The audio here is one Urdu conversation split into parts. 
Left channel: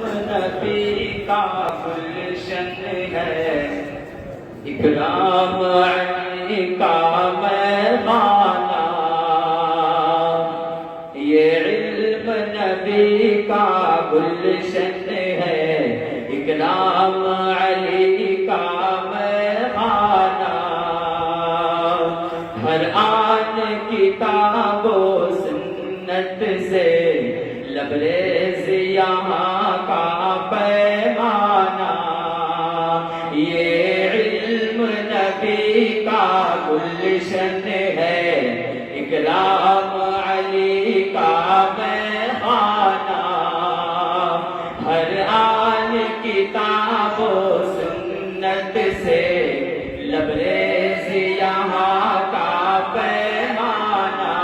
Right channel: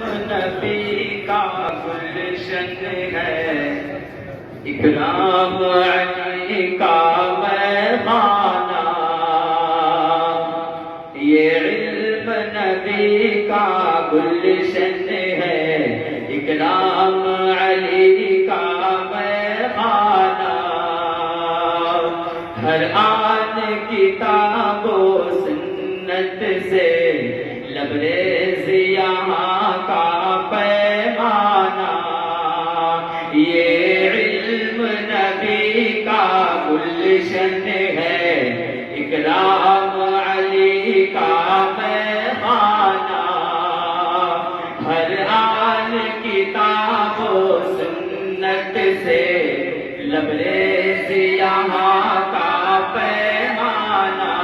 نبی کا گلشن ہے، اکرام علی کا مہمانہ، یہ علم نبی کا گلشن ہے، اکرام علی کا مہمانہ، ہر آن کتاب و سنت سے لبریز یہاں کا پیمانہ، یہ علم نبی کا گلشن ہے، اکرام علی کا مہمانہ، ہر آن کتاب و سنت سے لبریز یہاں کا پیمانہ،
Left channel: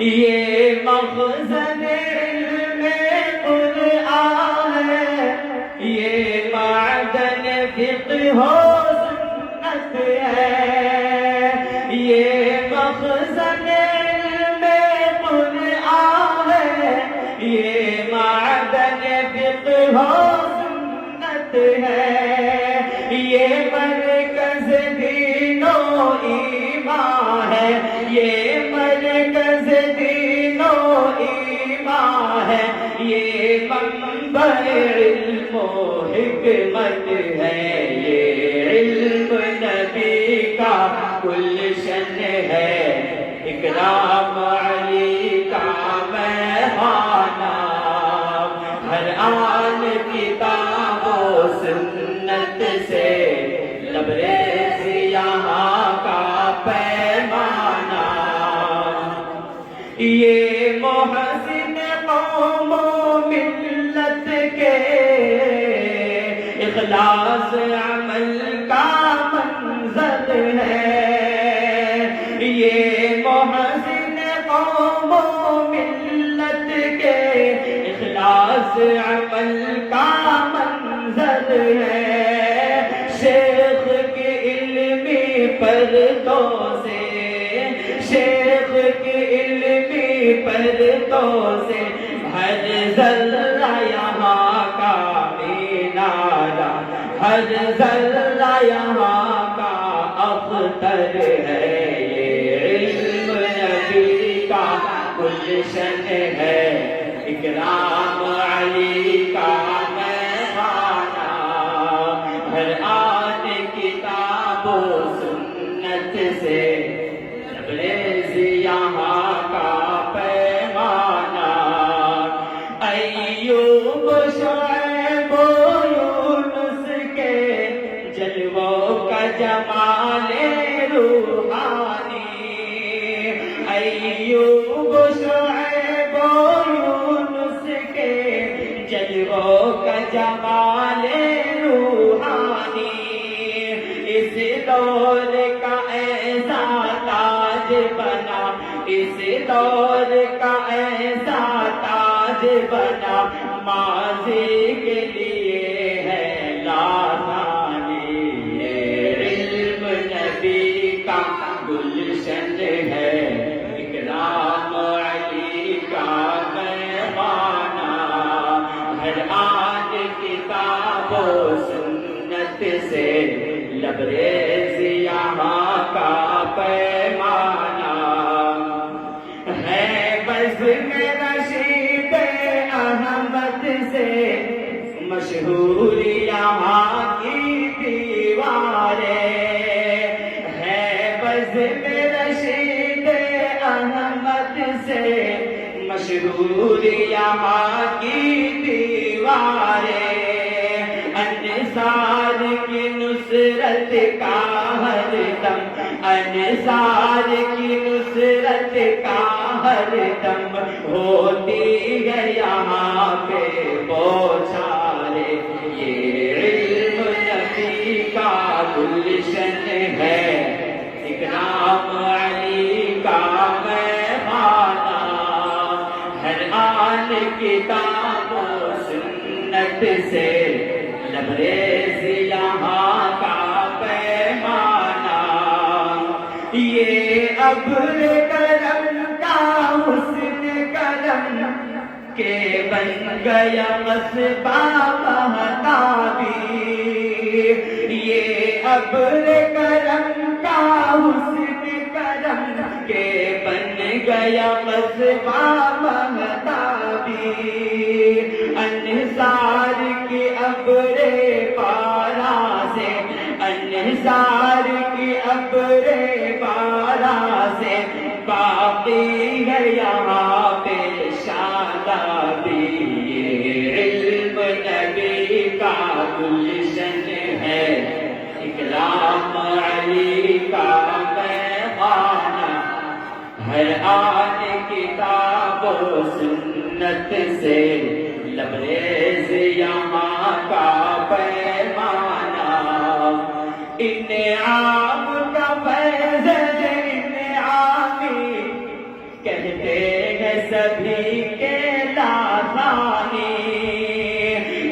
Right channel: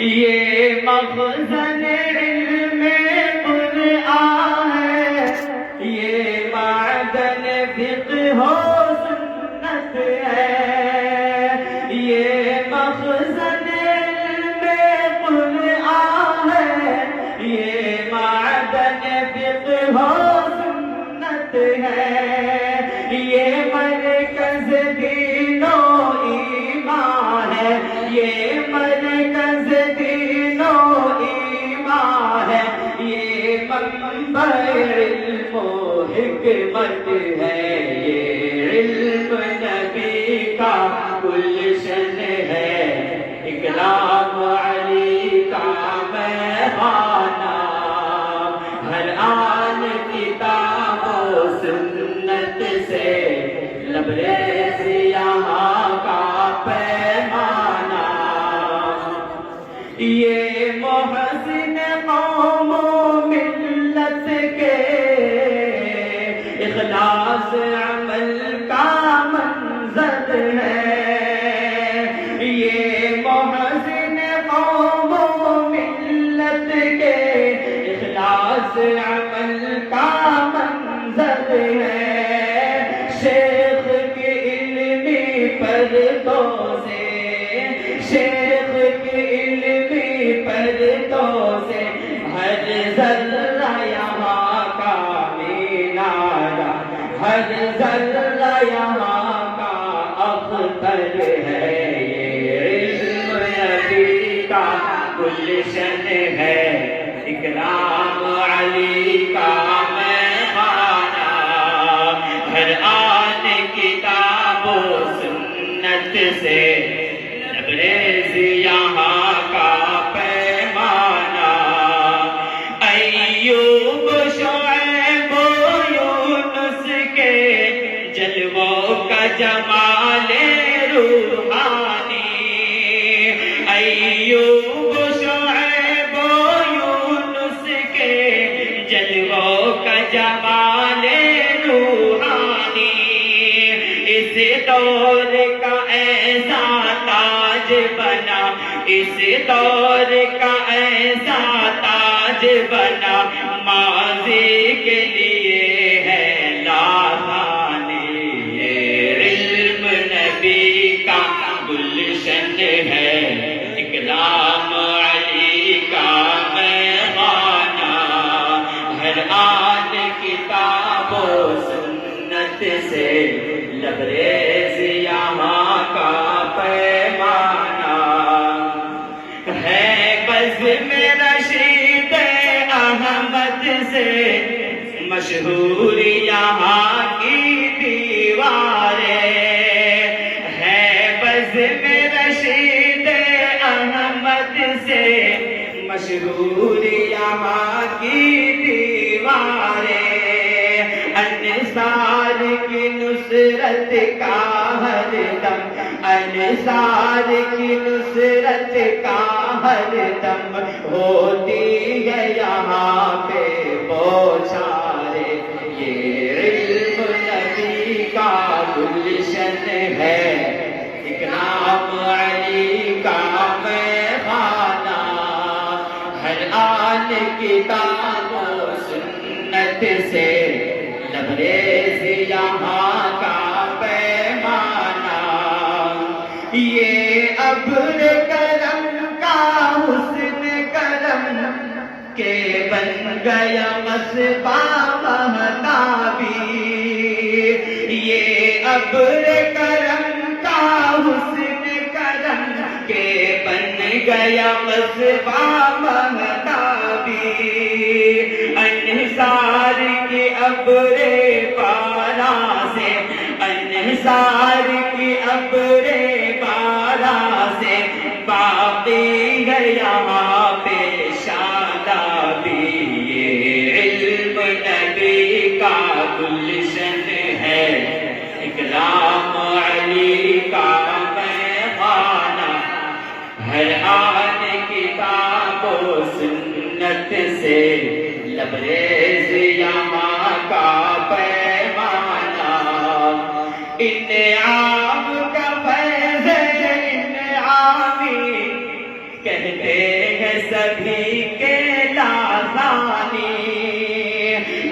یہ مخزن علم قرآن ہے، یہ معدن فقہ و سنت ہے، یہ مخزن علم قرآن ہے، یہ معدن فقہ و سنت ہے، یہ مرکز دین و ایمان ہے، یہ مرکز دین و ایمان ہے، یہ منبع علم و حکمت ہے، یہ علم نبی کا گلشن ہے، اکرام علی کا مہمانہ، ہر آن کتاب و سنت سے لبریز یہاں کا پیمانہ، یہ محسن قوم و ملت کے اخلاص عمل کا منظر ہے، یہ محسن قوم و ملت کے اخلاص عمل کا منظر ہے، شیخ کی علمی پرتوں سے، شیخ کی علمی پرتوں سے ہر ذرہ یہاں کا مینارہ، ہر ذرہ یہاں کا اختر ہے، یہ علم نبی کا گلشن ہے، اکرام علی کا مہمانہ، ہر آن کتاب و سنت سے لبریز یہاں کا پیمانہ، ایوب شعیب و یونس کے جلووں کا جمال روحانی، ایوب شعیب و یونس کے جلووں کا جمال روحانی، اس دور کا ایسا تاج بنا، اس دور کا ایسا تاج بنا، ماضی کے لیے ہے لازانی، یہ علم نبی کا گلشن ہے، اکرام علی کا مہمانہ، ہر آن کتاب و سنت سے لبریز یہاں کا پیمانہ، ہے بزم رشید احمد سے مشہور یہاں کی دیواریں، ہے بزم رشید احمد سے مشہور یہاں کی دیواریں، انصار کی نصرت کا ہر دم، انصار کی نصرت کا ہر دم ہوتی ہے یہاں پہ بوچھارے، یہ علم نبی کا گلشن ہے، اکرام علی کا مہمانہ، ہر آن کتاب و سنت سے لبریز یہاں کا پیمانہ، یہ ابر کرم کا حسن کرم کے بن گیا مصباح مہتابی، یہ ابر کرم کا حسن کرم کے بن گیا مصباح مہتابی، انحصار کی ابر پارا سے، انحصار کی ابر پارا سے باقی ہے یہاں پہ شادابی، یہ علم نبی کا گلشن ہے، اکرام علی کا پیمانہ، ہر آن کتاب و سنت سے لبریز یہاں کا پیمانہ، انعام کا فیض انعامی کہتے ہیں سبھی کے لازانی،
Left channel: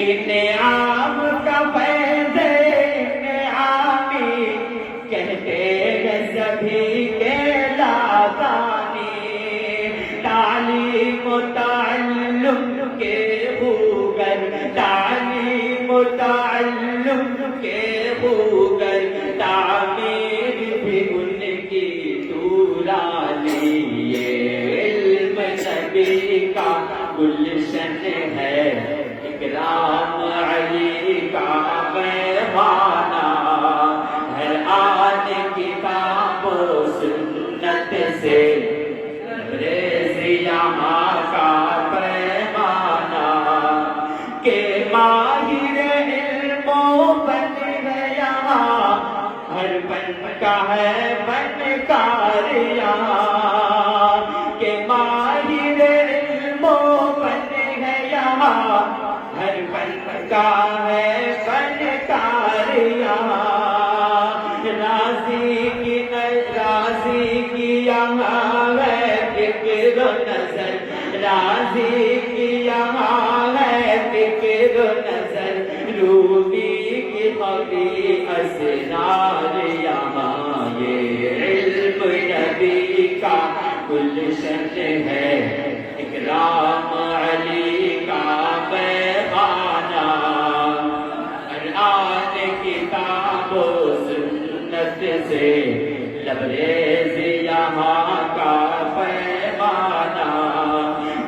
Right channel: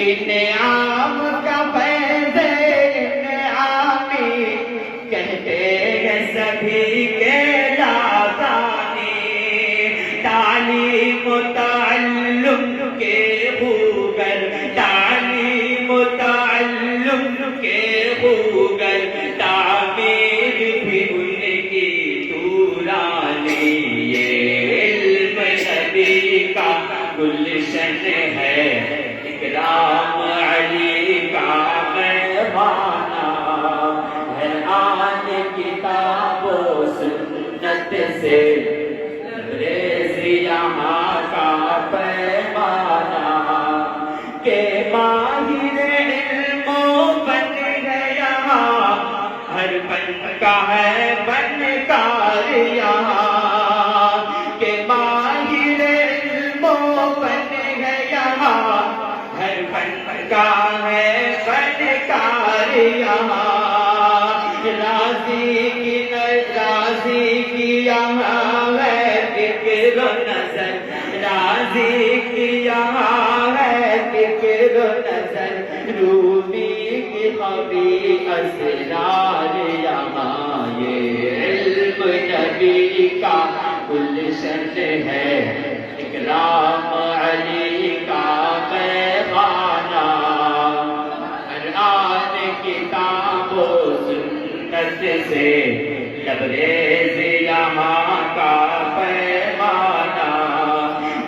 انعام کا فیض انعامی کہتے ہیں سبھی کے لازانی، تعلیم و تعلم کے خوگر، تعلیم و تعلم کے خوگر، تعمیر بھی ان کی دورانی، یہ علم نبی کا گلشن ہے، اکرام علی کا پیمانہ، ہر آن کتاب و سنت سے لبریز یہاں کا پیمانہ، کہ ماہر علم و بن گیا ہر فن کا ہے فنکار یہاں، کہ ماہر علم و بن گیا ہر فن کا ہے فنکار یہاں، راضی کی یہاں ہے فکر و نظر، راضی کی یہاں ہے فکر و نظر، روبی کی خبی اسرار یہاں، یہ علم نبی کا گلشن ہے، اکرام علی کا پیمانہ، ہر آن کتاب و سنت سے لبریز یہاں کا پیمانہ،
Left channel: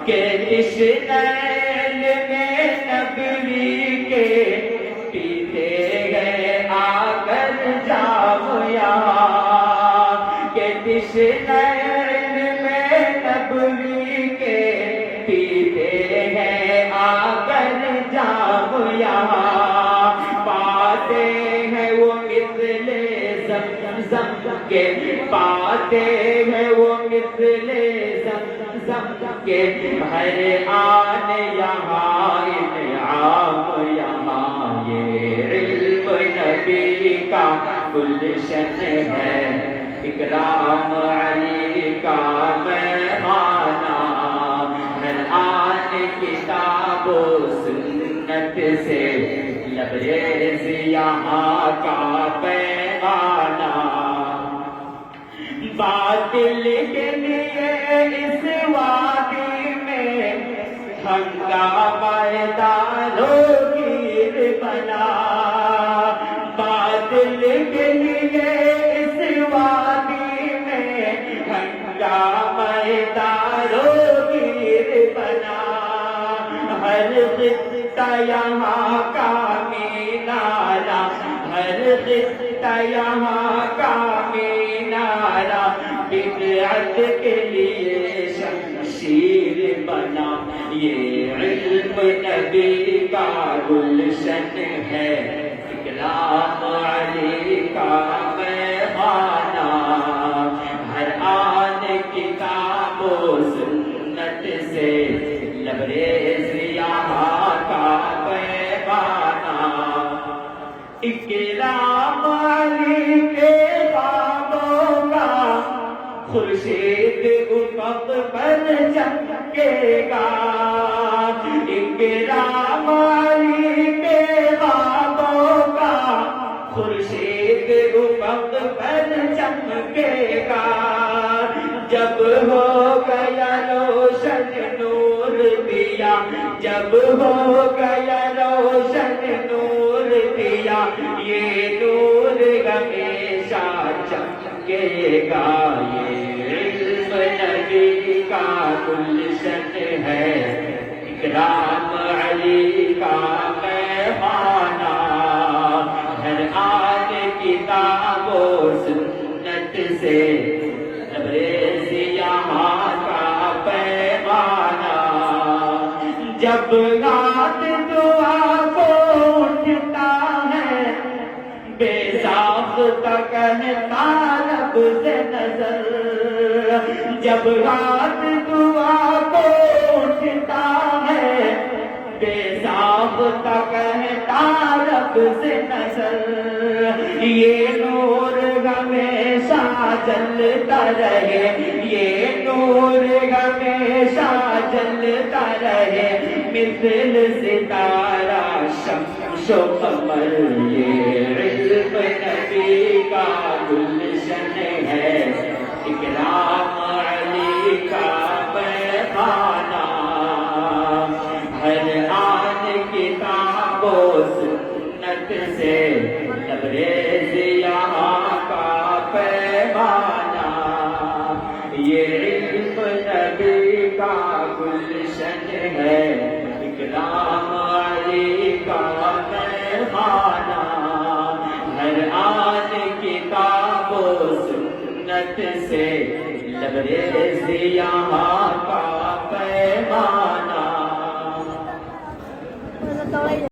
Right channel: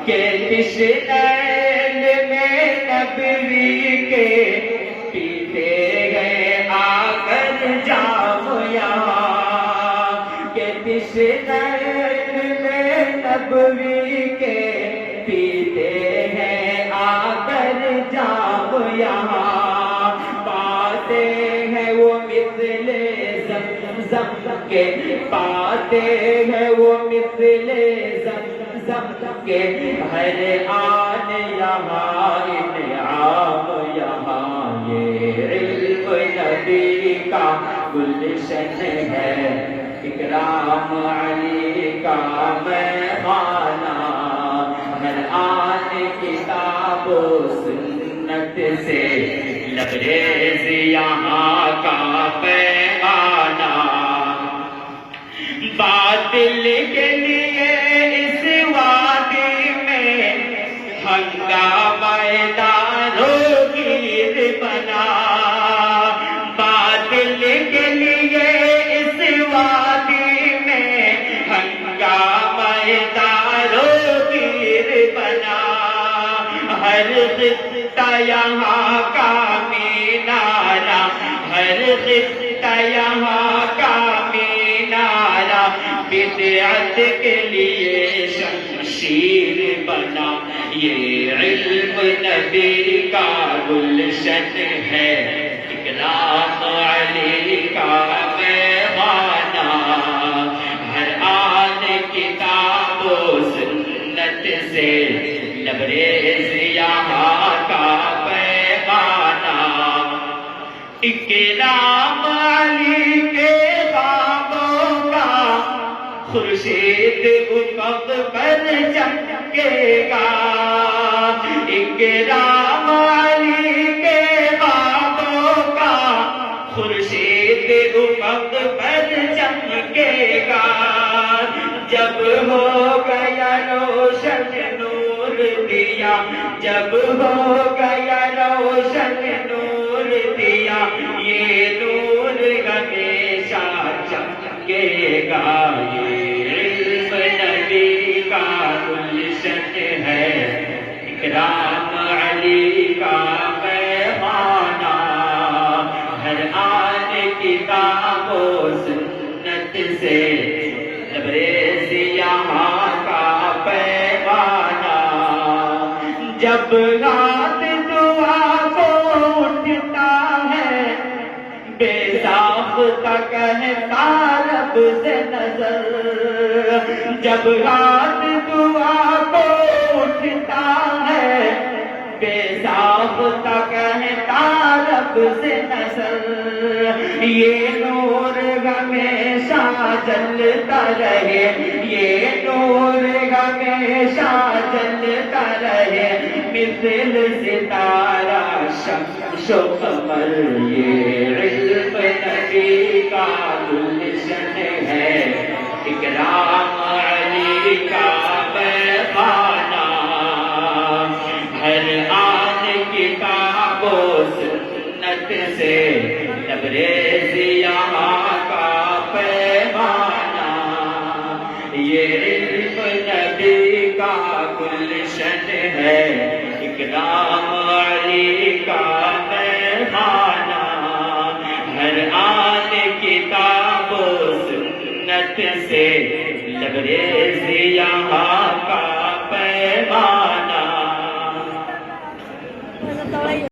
کہ تشنیل میں نبوی کے پیتے گئے آ کر جام یہاں، کہ تشنیل میں نبوی کے پیتے ہیں آ کر جام یہاں، پاتے ہیں وہ مثل زمزم کے، پاتے ہیں وہ مثل زمزم کے، ہر آن یہاں انعام یہاں، یہ علم نبی کا گلشن ہے، اکرام علی کا پیمانہ، ہر آن کتاب و سنت سے لبریز یہاں کا پیمانہ، باطل کے لیے اس وادی میں ہنگامہ دارو گیر بنا، باطل کے لیے اس وادی میں ہنگامہ دارو گیر بنا، ہر خطہ یہاں کا مینارہ، ہر خطہ یہاں کا مینارہ بدعت کے لیے شمشیر بنا، یہ علم نبی کا گلشن ہے، اکرام علی کا پیمانہ، ہر آن کتاب و سنت سے لبریز یہاں کا پیمانہ، اکرام علی کے خوابوں کا خورشید افق پر چمکے گا، اکرام علی کے خوابوں کا خورشید افق پر چمکے گا، جب ہو گیا روشن نور دیا، جب ہو گیا روشن نور دیا یہ نور ہمیشہ چمکے گا یہ علم نبی کا گلشن ہے اکرام علی کا پیمانہ ہر آن کتاب و سنت سے تبریز یہاں کا پیمانہ جب رات دعا کو اٹھتا ہے بے ساختہ کہتا رب سے نظر جب رات دعا کو اٹھتا ہے بے ساختہ کہتا رب سے نظر یہ نور ہمیشہ جلتا رہے یہ نور ہمیشہ جلتا رہے مثل ستارہ شمس و قمر یہ علم نبی کا گلشن ہے اکرام علی کا پیمانہ ہر آن کتاب و سنت سے تبریز یہاں کا پیمانہ یہ علم نبی کا گلشن ہے اکرام علی کا پیمانہ ہر آن کتاب و سنت سے تبریز یہاں